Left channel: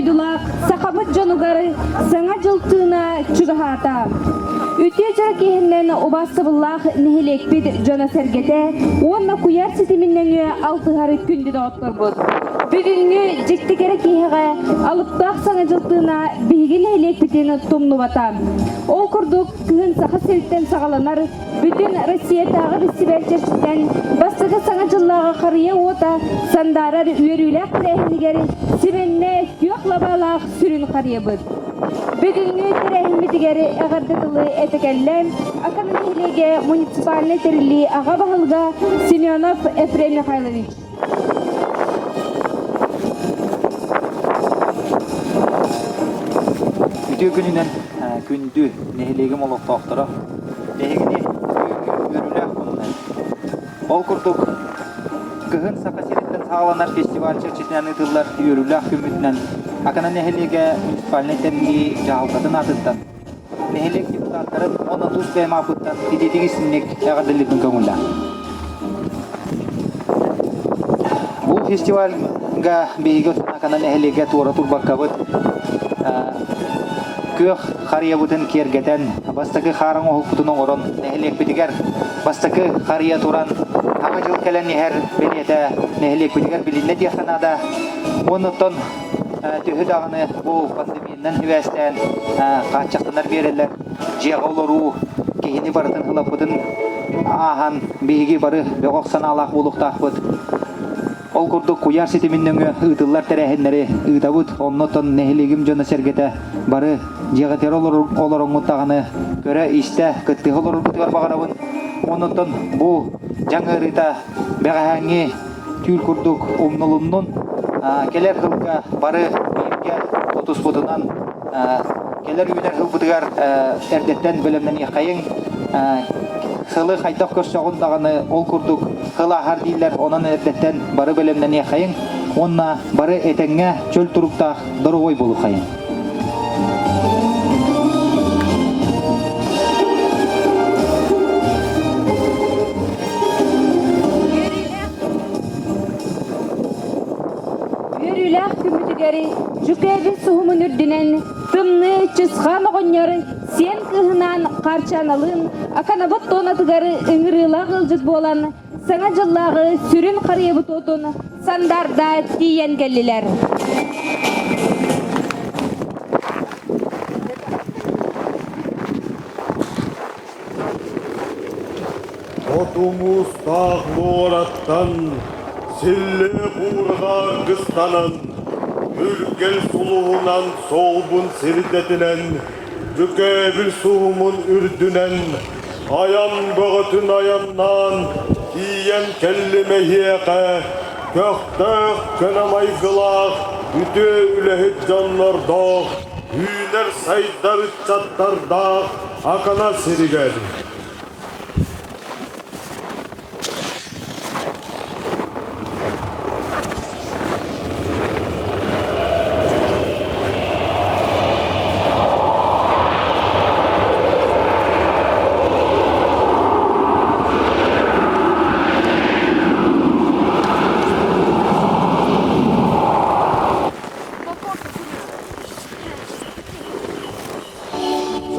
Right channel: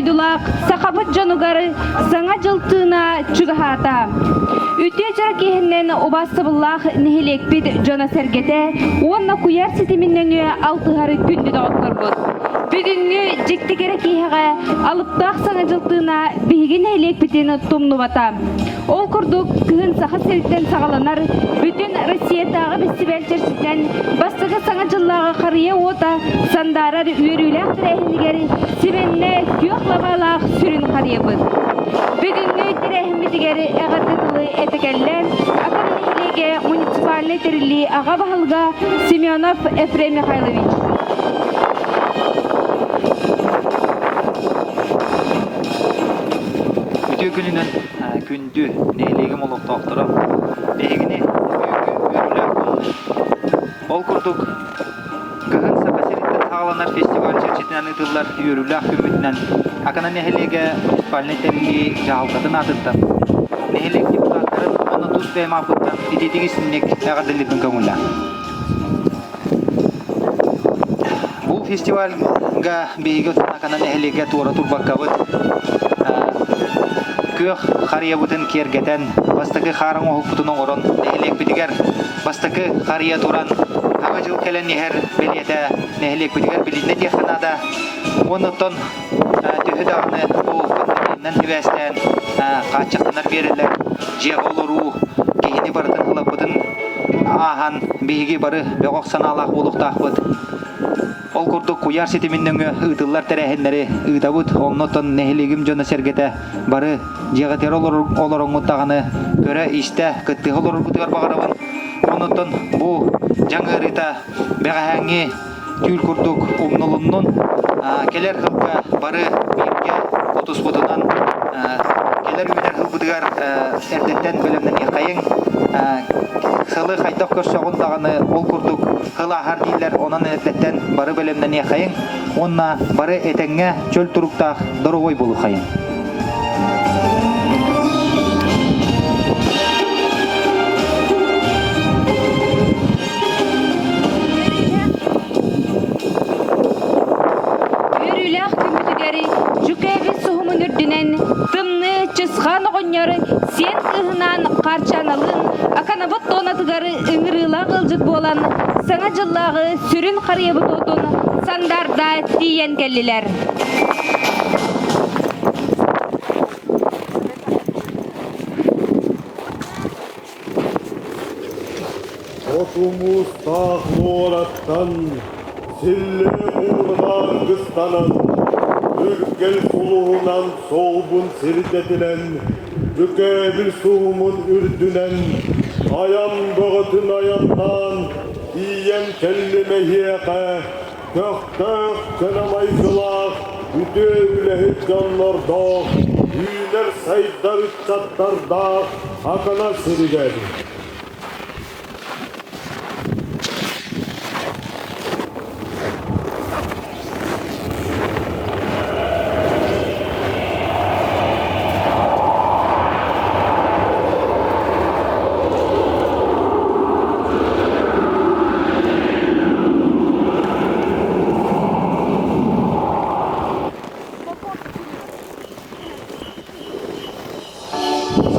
ойдулақ сақабыт жонугары саңа жылтына чугахата. Үтечер кехіннен обасыбыллақ нехелекпід жона сәргете, онна куяр сетіміннен алтығары күнді дауқыр бұд. Бүгінгі жектігері кейхіға алыптақ саңа жылтына бейген нехелекпідені тұмны бата. Ол күрдік күхін сақа сәуіттен сағаланар, бүтін Россиятағы фестиваль черчістен бастығы саңа жыллағы қария ота сандарар үйерілік тірәхінігері себенне күйоқ лабалақ сүрін қария бұд. Бүгінгі тірәхімітігері әғардытылы әтекәлләр, Академиялеге муниципальный тірілі аға бағылға Семенов Ефрем Михайлович. Өтө күнінен күнді нәйлегім олықтақтыра дегіне ол күрдік күхін сақасереттен сағаланар фестиваль черчетінен ұтылар үйірілі күмітінен ақына нәйлеге муниципальный тәрілі жағылдатын адыттан нәйлег депутаттарын оны тұз бәйім алқыттан едетігі сіннек әғадылетін көңілі. Бұл фестивальға бейгі ақына нәйлеге туара тұрбаққабыд Көх қария бұтын кергетен, бастықы қарың оғып бұтының орын, нәхелек бітігер, бастықы қария тұран, аға жыл кәлін нехер білеті, нәхелек бітігер білінне дияқтынада, оныптын түйі дағыны бұл қатынынан хивәстен қатшақтынар берілер, жеға олыру, кейіні барытын қылап бұтын ахан бейгі бары беғоқсан алақ болуқтақ бұд. Ол күрдік куяр сетіміннің ұтылар тәрәхінлері ұтабыд, оннотын нәхелегім жона сәргеті бары жеғатер олар оңыттағаны көрі істі күтті олар бұтығар бағарабын. Оннотын бұл жаңы рыта бәғәңе түйіл күрдік ұмнылынның келер қылға бары бәрге отыз бұтынан келер үйдер қыл бұтығар әрдеттен бөлімнен еқайын Хылы қайтақ көрсоғындағаны ол күрдік хыл ағар дейлер онан әрдеттен бары бөлімнен еқайын, онна бары әтәңе чөл тұрықтақ дұры ой болу қайын. Үйіріләқ күмітігері жүкәбі сұғымын үрдінен тымны чысқан оғыняры сен қығынан қарчаналын аканабыт тонатығары үңіріла қылжыз болан саңа жыллағы сүрін қариебіт отын сандарда тиен кәлілер. Отумuz tağlı oratan, sille uğurgar kıstanan, ürkel suluğunan soğubun sirdetilen, Rükebil suğumun ürdünen, ayan böğütün ayandan, kiyem kellime hiyeke, köktök könamay kılak, üte ülehit canlar dağ, hüner saydar çattar dağ, akana siriger.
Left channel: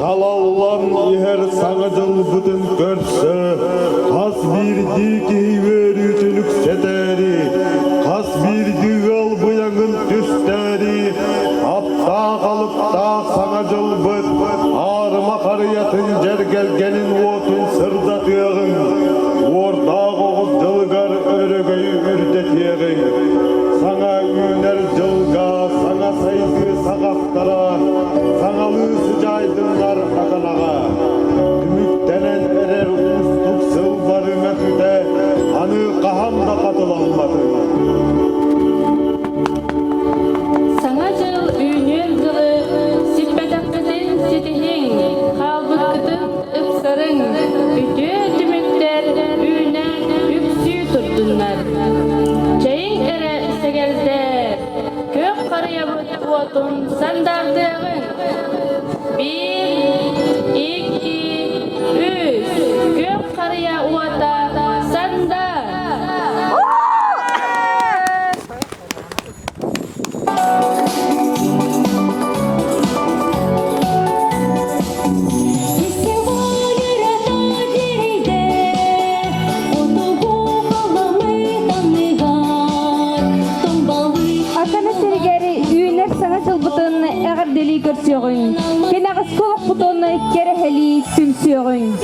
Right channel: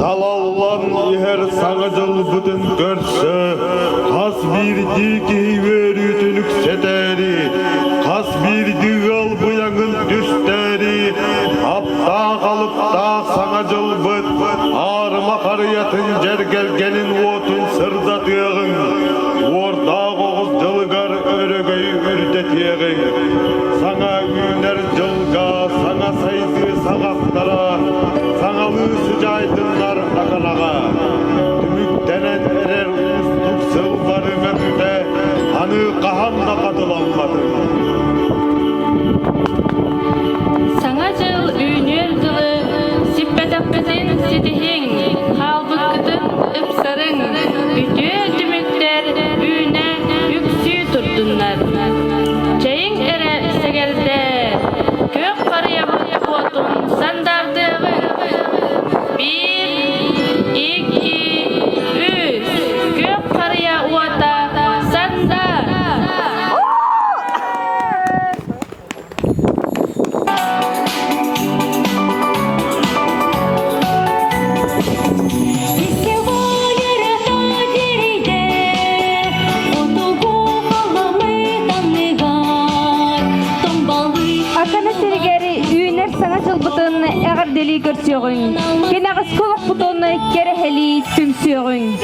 Zalallan iher sağacıl bütün görse, kas bir diki verütülük sederi, kas bir digal bıyağın düsteri, apta kalıp da sağacıl bıt, ağrıma karıyatın cergelgenin otun sırda tüyağın, orda qoğuz jılgar örögöy ürdetiyağın, sana üner jılga, sana saydı sağaktara, sana sıcaydınlar akanağa, tümüktenen erer ustuk sılları mefte, anı kahanda katılanmadı. Саңа жыл үйнел жылы сиппетаппетін сетихин, халбықытын үпсарың, үте түміктер үйне үпсі тұрдынлар. Чайын әрі сәгелді, көк қариябы қуатын сандардығын. 1, 2, 3, көк қария уата сандар. kılbıtın eğerdeli görsüyorun. Kenağız koluk butonu kereheli tümsüyorun.